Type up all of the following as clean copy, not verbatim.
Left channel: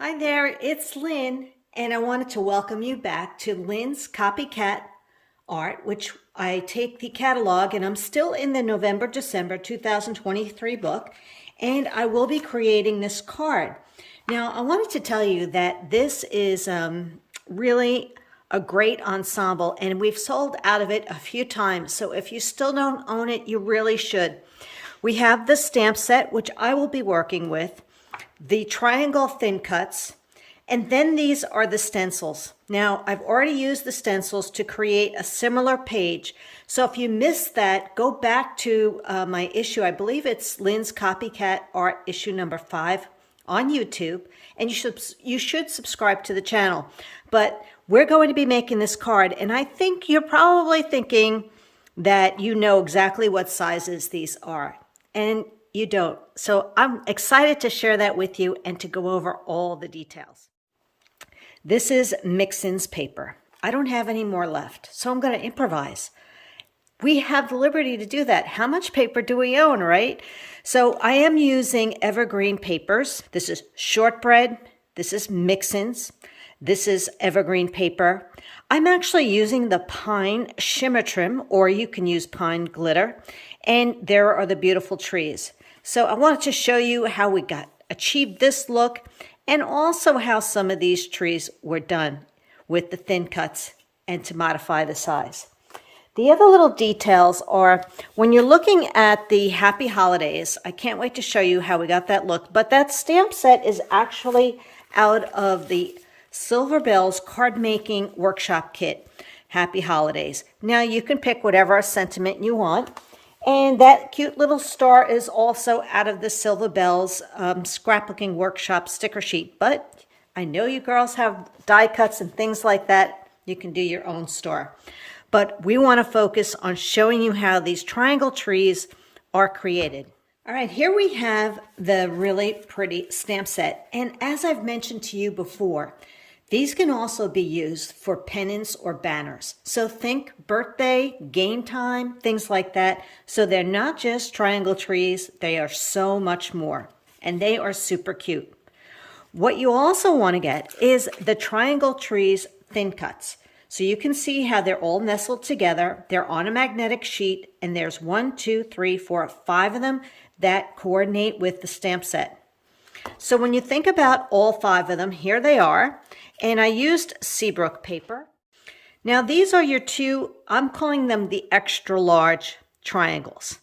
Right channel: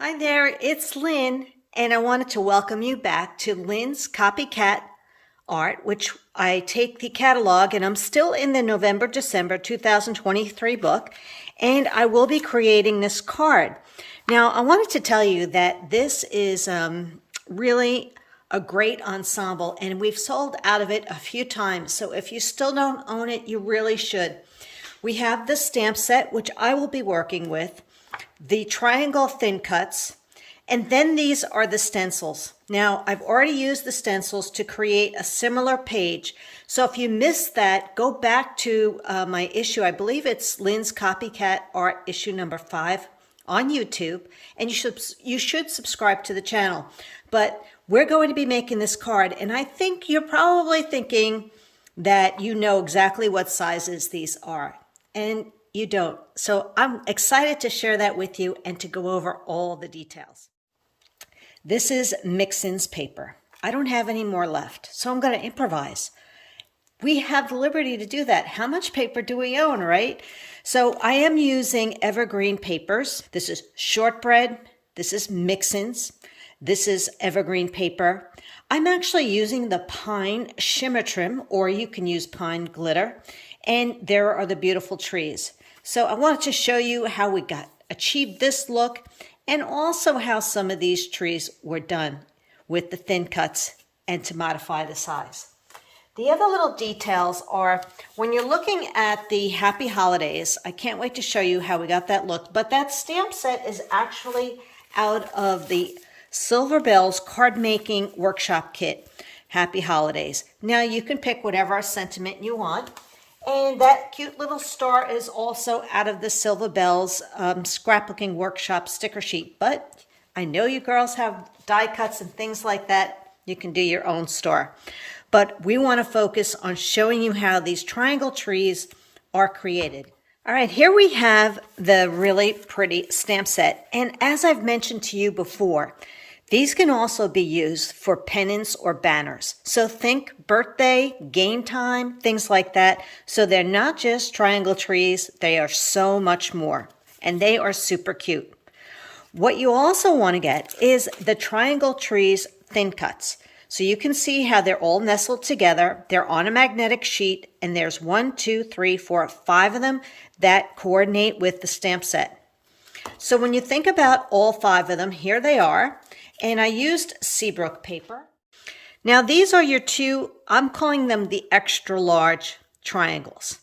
Hi there, it's Lynn, and I wanted to welcome you back to Lynn's Copycat Art, which I take the catalog, and I'm still in the November-December 2023 book, and I will be creating this card. Now, I wanted to tell you that this is really a great ensemble, and we've sold out of it a few times, so if you still don't own it, you really should. We have the stamp set, which I will be working with, the triangle thin cuts, and then these are the stencils. Now, I've already used the stencils to create a similar page. So if you missed that, go back to my issue. I believe it's Lynn's Copycat Art issue number 5 on YouTube, and you should subscribe to the channel. But we're going to be making this card, and I think you're probably thinking that you know exactly what sizes these are, and you don't. So I'm excited to share that with you and to go over all the details. This is mix-ins paper. I don't have any more left, so I'm going to improvise. We have the liberty to do that. How much paper do we own, right? So I am using evergreen papers. This is shortbread. This is mix-ins. This is evergreen paper. I'm actually using the Pine Shimmer Trim, or you can use pine glitter. And there are the beautiful trees. So I wanted to show you how we achieved this look, and also how some of these trees were done with the thin cuts and to modify the size. The other little details are when you're looking at the Happy Holidays, I can't wait to show you how we got that look, but that stamp set is actually out of the Silver Bells card making workshop kit, Happy Holidays. Now you can pick whatever sentiment you want. And that cute little star is also out of the Silver Bells scrapbooking workshop sticker sheet. But I know you girls have die cuts and things like that. You can do your own star. But we want to focus on showing you how these triangle trees are created. All right, here we have the really pretty stamp set. And as I've mentioned to you before, these can also be used for pennants or banners. So think birthday, game time, things like that. So they're not just triangle trees, they are so much more. And they are super cute. What you also want to get is the Triangle Trees thin cuts. So you can see how they're all nestled together. They're on a magnetic sheet, and there's 1, 2, 3, 4, 5 of them that coordinate with the stamp set. So when you think about all 5 of them, here they are. And I used Seabrook paper. Now these are your two, I'm calling them the extra large triangles.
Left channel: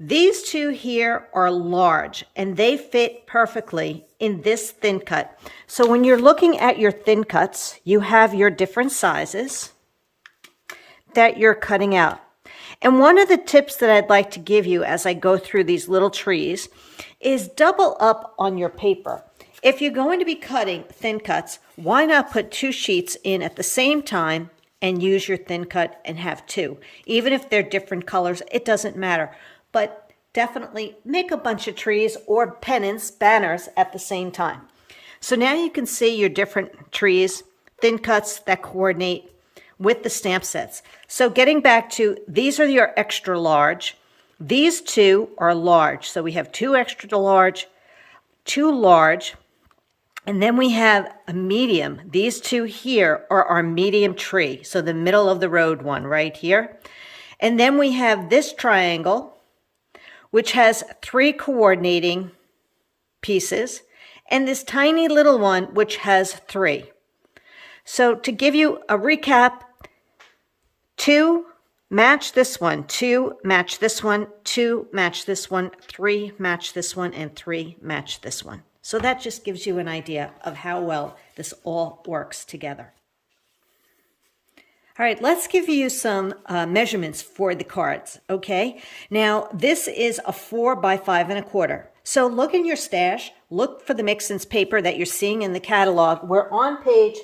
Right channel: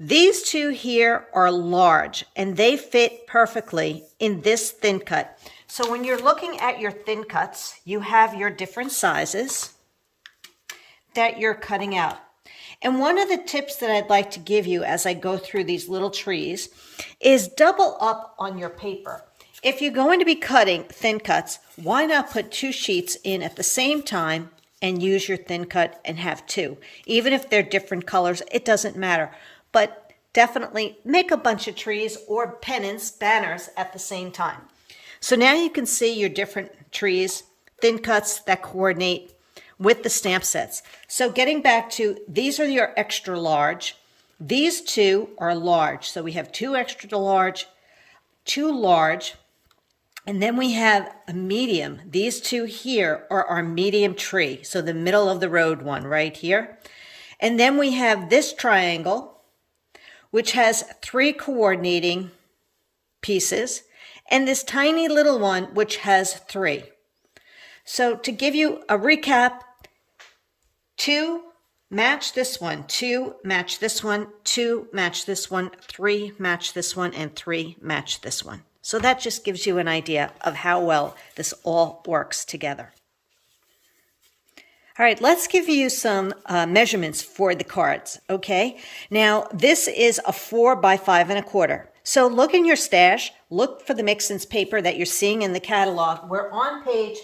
These two here are large, and they fit perfectly in this thin cut. So when you're looking at your thin cuts, you have your different sizes that you're cutting out. And one of the tips that I'd like to give you as I go through these little trees is double up on your paper. If you're going to be cutting thin cuts, why not put 2 sheets in at the same time and use your thin cut and have 2? Even if they're different colors, it doesn't matter. But definitely make a bunch of trees or pennants, banners at the same time. So now you can see your different trees, thin cuts that coordinate with the stamp sets. So getting back to, these are your extra large. These 2 are large. So we have 2 extra large, 2 large, and then we have a medium. These 2 here are our medium tree. So the middle of the road one right here. And then we have this triangle, which has 3 coordinating pieces, and this tiny little one, which has 3. So to give you a recap, 2 match this one, 2 match this one, 2 match this one, 3 match this one, and 3 match this one. So that just gives you an idea of how well this all works together. All right, let's give you some measurements for the cards, okay? Now, this is a 4 by 5 1/4. So look in your stash, look for the mix-ins paper that you're seeing in the catalog. We're on page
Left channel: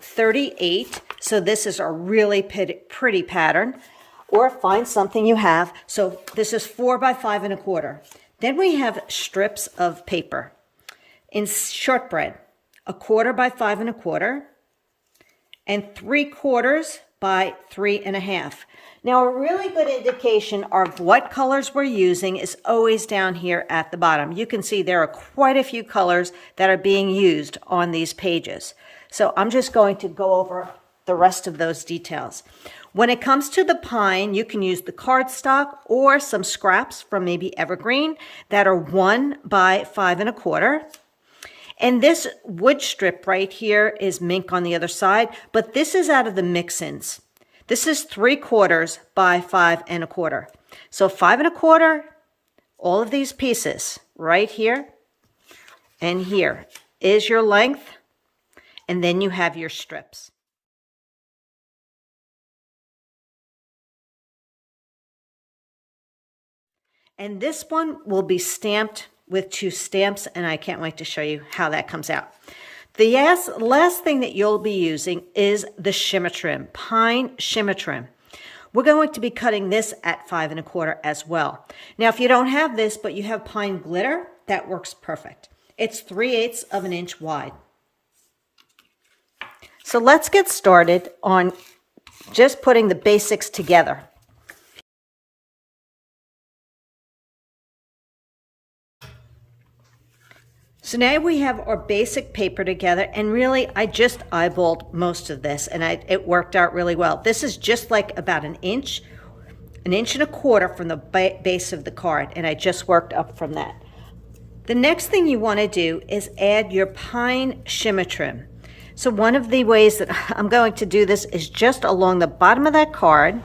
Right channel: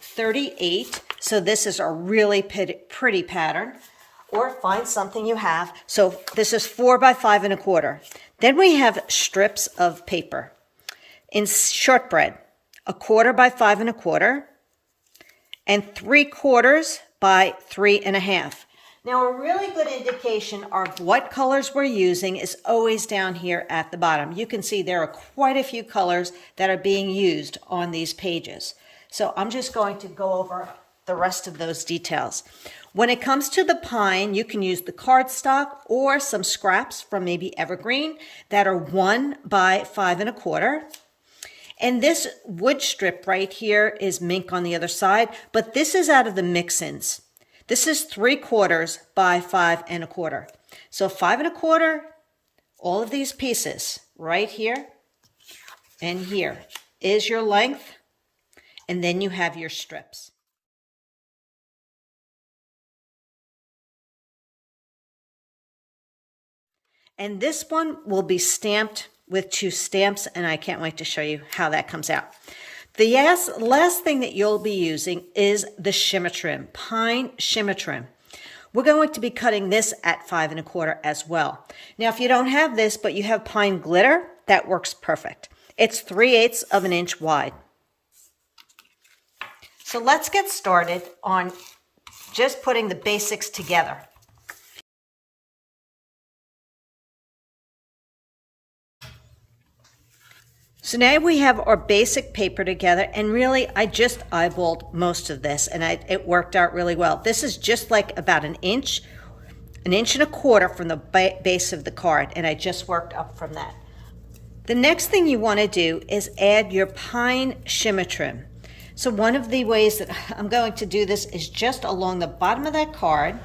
38, so this is a really pretty pattern, or find something you have. So this is 4 by 5 1/4. Then we have strips of paper in shortbread, 1/4 by 5 1/4, and 3/4 by 3 1/2. Now, a really good indication of what colors we're using is always down here at the bottom. You can see there are quite a few colors that are being used on these pages. So I'm just going to go over the rest of those details. When it comes to the pine, you can use the cardstock or some scraps from maybe evergreen that are 1 by 5 1/4. And this wood strip right here is mink on the other side, but this is out of the mix-ins. This is 3/4 by 5 1/4. So 5 1/4, all of these pieces right here and here is your length, and then you have your strips. And this one will be stamped with 2 stamps, and I can't wait to show you how that comes out. The last thing that you'll be using is the shimmer trim, Pine Shimmer Trim. We're going to be cutting this at 5 1/4 as well. Now, if you don't have this, but you have pine glitter, that works perfect. It's 3/8 of an inch wide. So let's get started on just putting the basics together. So now we have our basic paper together, and really I just eyeballed most of this, and it worked out really well. This is just like about an inch and 1/4 from the base of the card, and I just worked up from that. The next thing you want to do is add your Pine Shimmer Trim. So one of the ways that I'm going to do this is just along the bottom of that card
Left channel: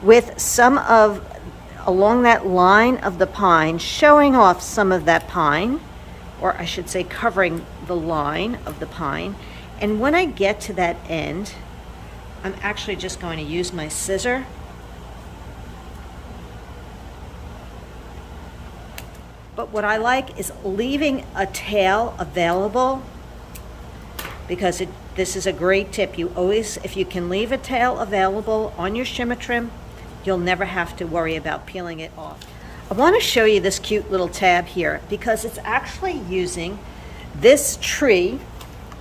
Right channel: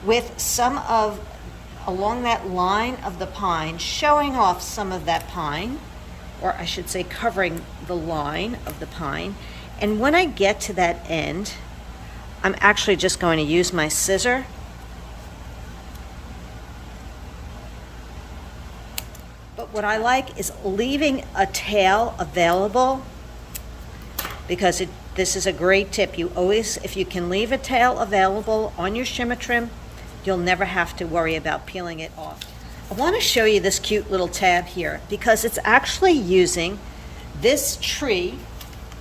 with along that line of the pine, showing off some of that pine, or I should say covering the line of the pine. And when I get to that end, I'm actually just going to use my scissor but what I like is leaving a tail available, because this is a great tip. You always, if you can leave a tail available on your shimmer trim, you'll never have to worry about peeling it off. I want to show you this cute little tab here because it's actually using this tree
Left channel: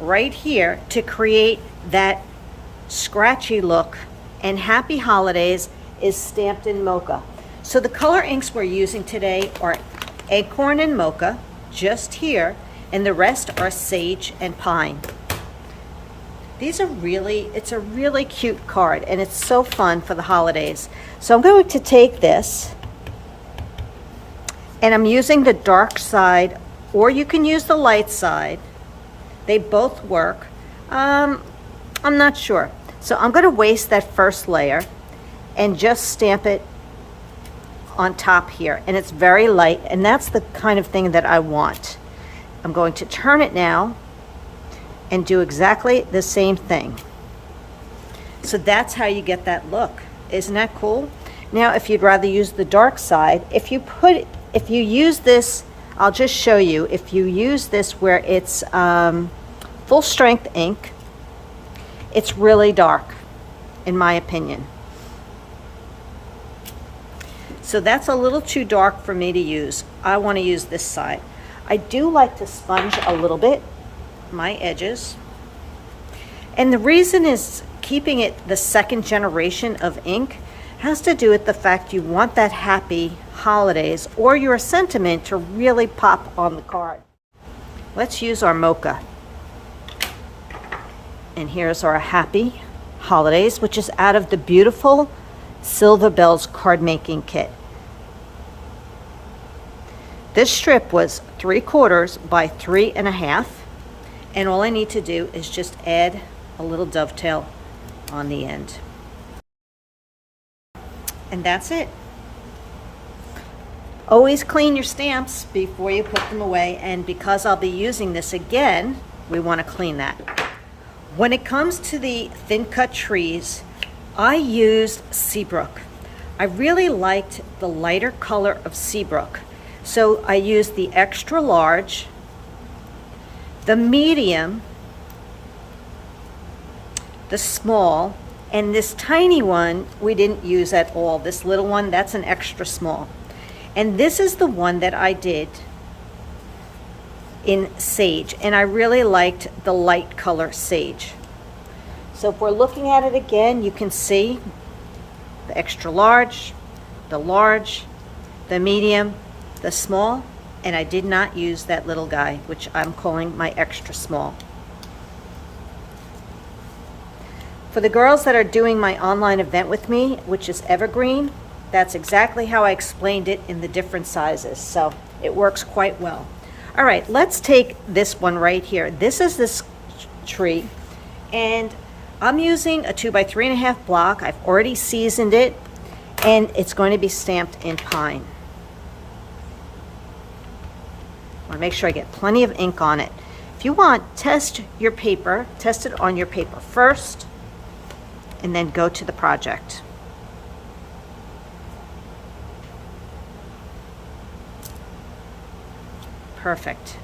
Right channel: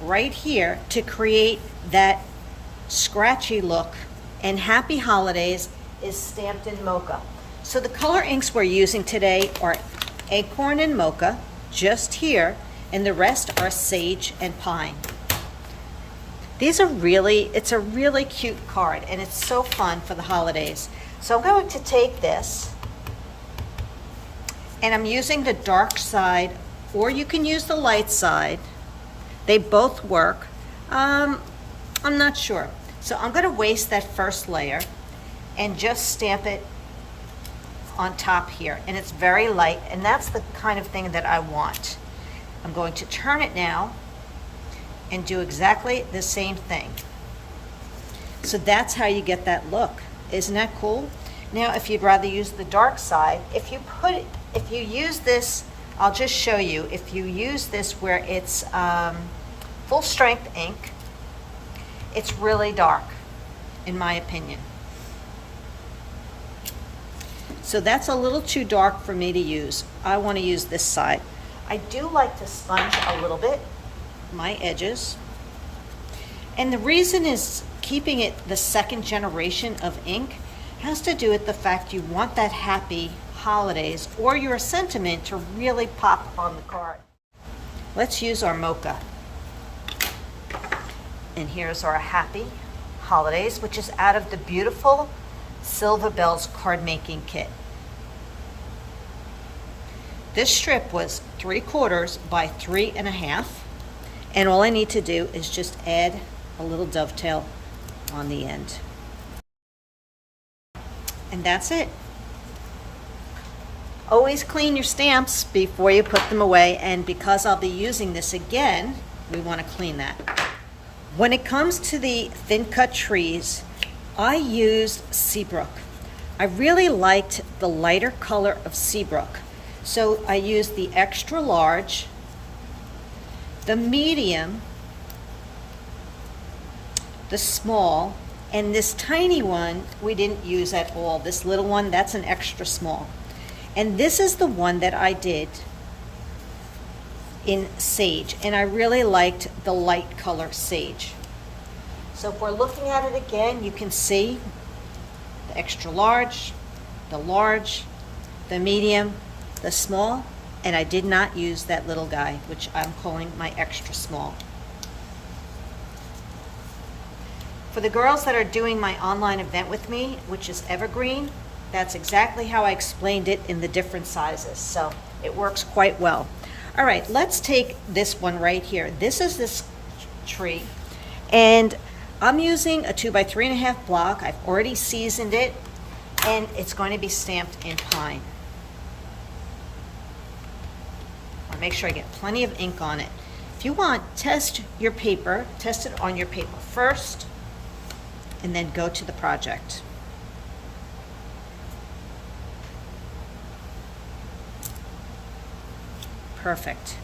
right here to create that scratchy look, and Happy Holidays is stamped in mocha. So the color inks we're using today are acorn and mocha, just here, and the rest are sage and pine. It's a really cute card, and it's so fun for the holidays. So I'm going to take this, and I'm using the dark side, or you can use the light side. They both work. I'm not sure. So I'm going to waste that first layer and just stamp it on top here. And it's very light, and that's the kind of thing that I want. I'm going to turn it now and do exactly the same thing. So that's how you get that look. Isn't that cool? Now, if you'd rather use the dark side, if you use this, I'll just show you, if you use this where it's full strength ink, it's really dark, in my opinion. So that's a little too dark for me to use. I want to use this side. I do like to sponge a little bit my edges. And the reason is keeping it the second generation of ink has to do with the fact you want that Happy Holidays or your sentiment to really pop on the card. Let's use our mocha. And here's our Happy Holidays, which is out of the beautiful Silver Bells card making kit. This strip was 3/4 by 3 1/2, and all I need to do is just add a little dovetail on the end. And that's it. Always clean your stamps before you put them away, and because I'll be using this again, we want to clean that. When it comes to the thin cut trees, I used Seabrook. I really liked the lighter color of Seabrook, so I used the extra large, the medium, the small, and this tiny one we didn't use at all. This little one, that's an extra small. And this is the one that I did in sage, and I really liked the light color sage. So if we're looking at it again, you can see the extra large, the medium, the small, and I did not use that little guy, which I'm calling my extra small. For the girls that are doing my online event with me, which is Evergreen, that's exactly how I explained it in the different sizes, so it works quite well. All right, let's take this one right here. This is this tree, and I'm using a 2 by 3.5 block. I've already seasoned it, and it's going to be stamped in pine. I want to make sure I get plenty of ink on it. If you want, test your paper, test it on your paper first, and then go to the project. Perfect.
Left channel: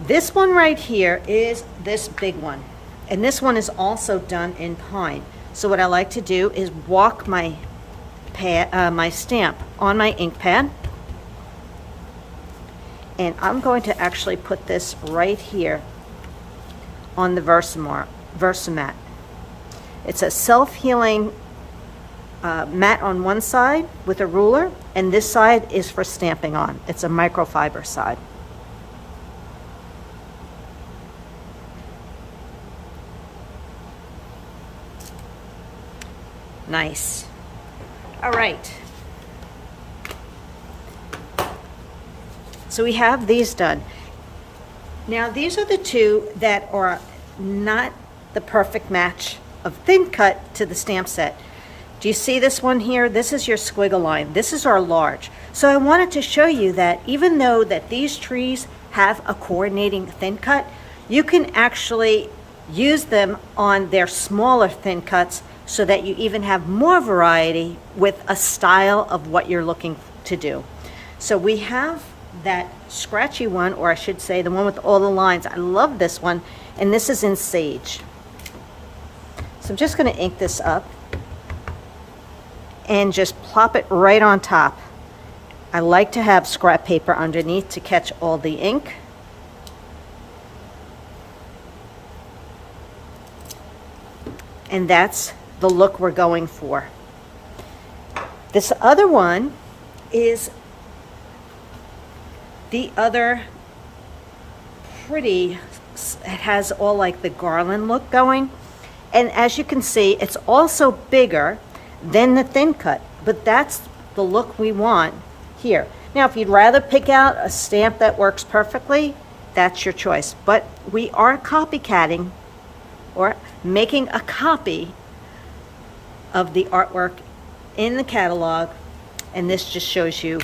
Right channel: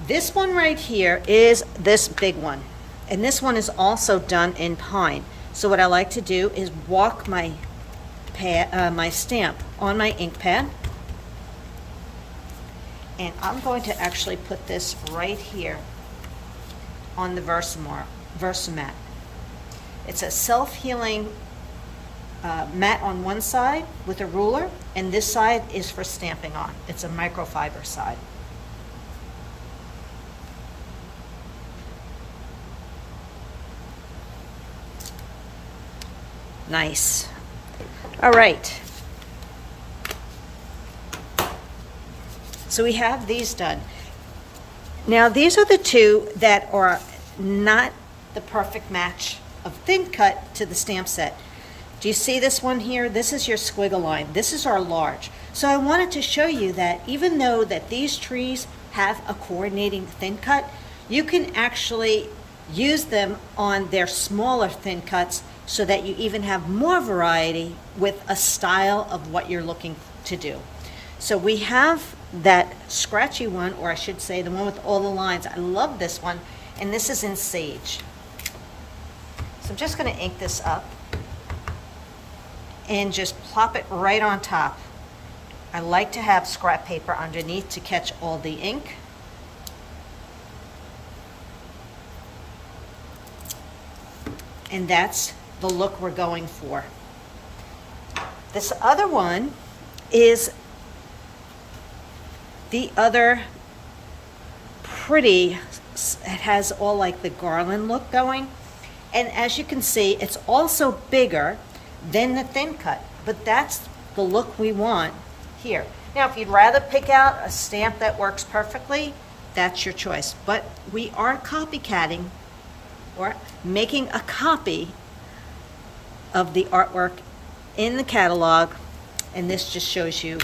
This one right here is this big one, and this one is also done in pine. So what I like to do is walk my my stamp on my ink pad, and I'm going to actually put this right here on the Versamat. It's a self-healing mat on one side with a ruler, and this side is for stamping on. It's a microfiber side. Nice. All right. So we have these done. Now these are the two that are not the perfect match of thin cut to the stamp set. Do you see this one here? This is your squiggle line. This is our large. So I wanted to show you that even though that these trees have a coordinating thin cut, you can actually use them on their smaller thin cuts so that you even have more variety with a style of what you're looking to do. So we have that scratchy one, or I should say the one with all the lines. I love this one, and this is in sage. So I'm just going to ink this up and just plop it right on top. I like to have scrap paper underneath to catch all the ink. And that's the look we're going for. This other one is the other pretty, it has all like the garland look going. And as you can see, it's also bigger than the thin cut, but that's the look we want here. Now, if you'd rather pick out a stamp that works perfectly, that's your choice. But we are copycatting or making a copy of the artwork in the catalog, and this just shows you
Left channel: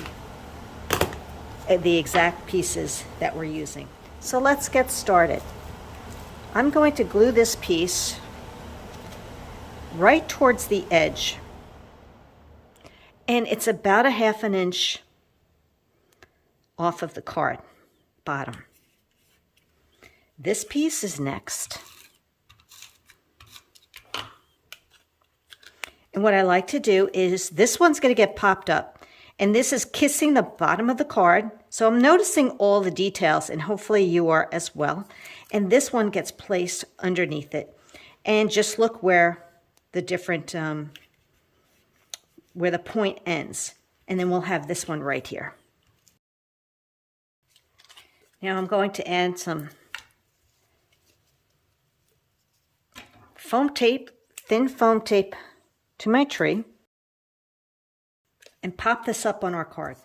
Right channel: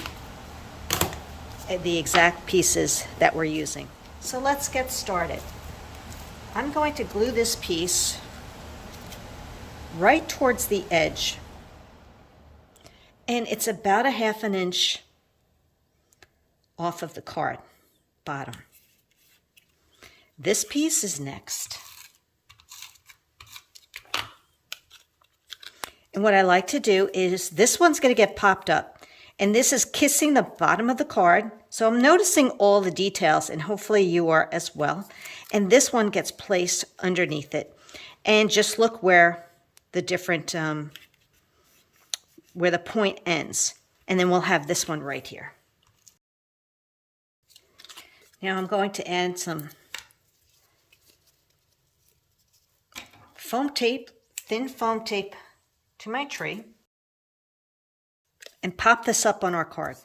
the exact pieces that we're using. So let's get started. I'm going to glue this piece right towards the edge, and it's about a 1/2 inch off of the card bottom. This piece is next. And what I like to do is, this one's going to get popped up, and this is kissing the bottom of the card. So I'm noticing all the details, and hopefully you are as well. And this one gets placed underneath it. And just look where the different, where the point ends. And then we'll have this one right here. Now I'm going to add some foam tape, thin foam tape, to my tree, and pop this up on our card.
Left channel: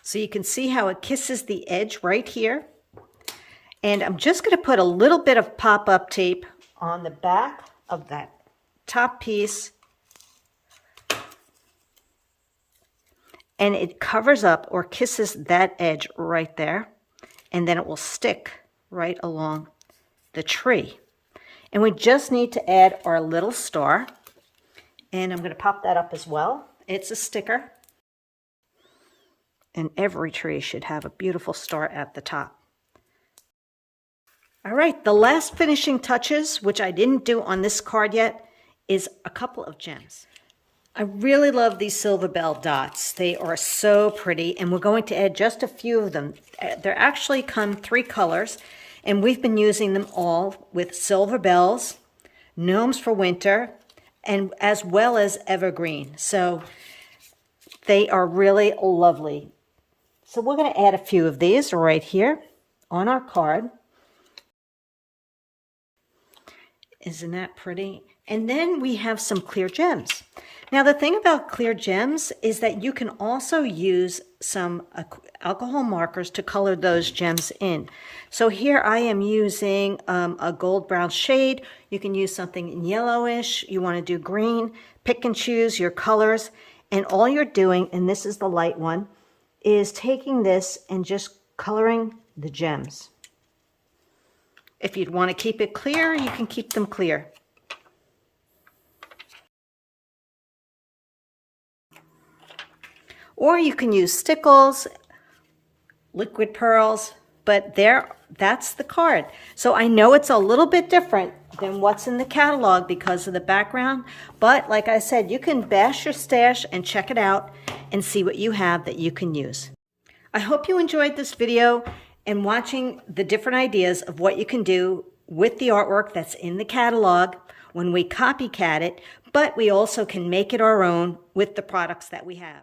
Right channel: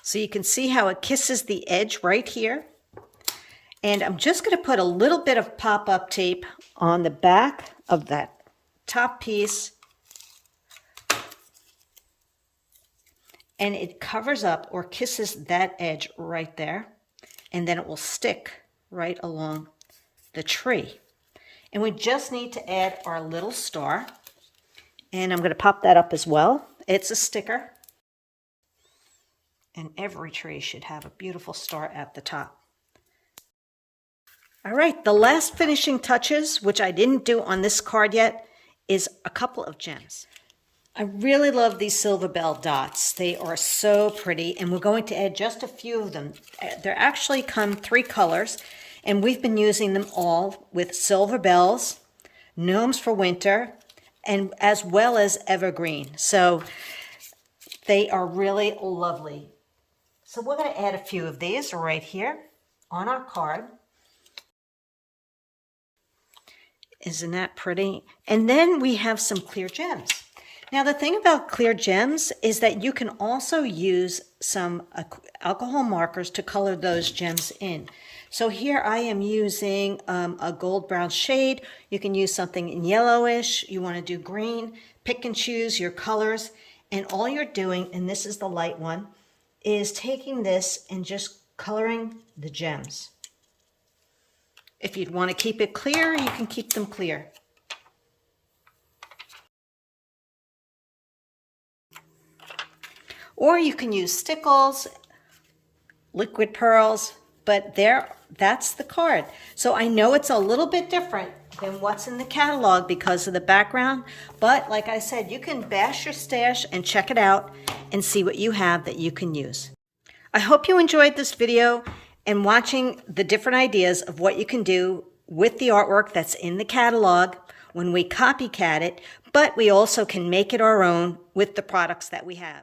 So you can see how it kisses the edge right here. And I'm just going to put a little bit of pop-up tape on the back of that top piece, and it covers up or kisses that edge right there, and then it will stick right along the tree. And we just need to add our little star, and I'm going to pop that up as well. It's a sticker, and every tree should have a beautiful star at the top. All right, the last finishing touches, which I didn't do on this card yet, is a couple of gems. I really love these silver bell dots. They are so pretty, and we're going to add just a few of them. They actually come 3 colors, And we've been using them all with silver bells, gnomes for winter, and as well as evergreen. So they are really lovely. So we're going to add a few of these right here on our card. Isn't that pretty? And then we have some clear gems. Now the thing about clear gems is that you can also use some alcohol markers to color those gems in. So here I am using a gold brown shade. You can use something in yellowish. You want to do green. Pick and choose your colors. And all you're doing, and this is the light one, is taking this and just coloring the gems. If you'd want to keep it clear, you can keep them clear. Or you can use stickles, liquid pearls, but that's the card. So I know it's a little bit different than what's in the catalog because of the background, but like I said, you can bash your stash and check it out and see what you have that you can use. I hope you enjoyed this video and watching the different ideas of what you can do with the artwork that's in the catalog when we copycat it, but we also can make it our own with the products that we have.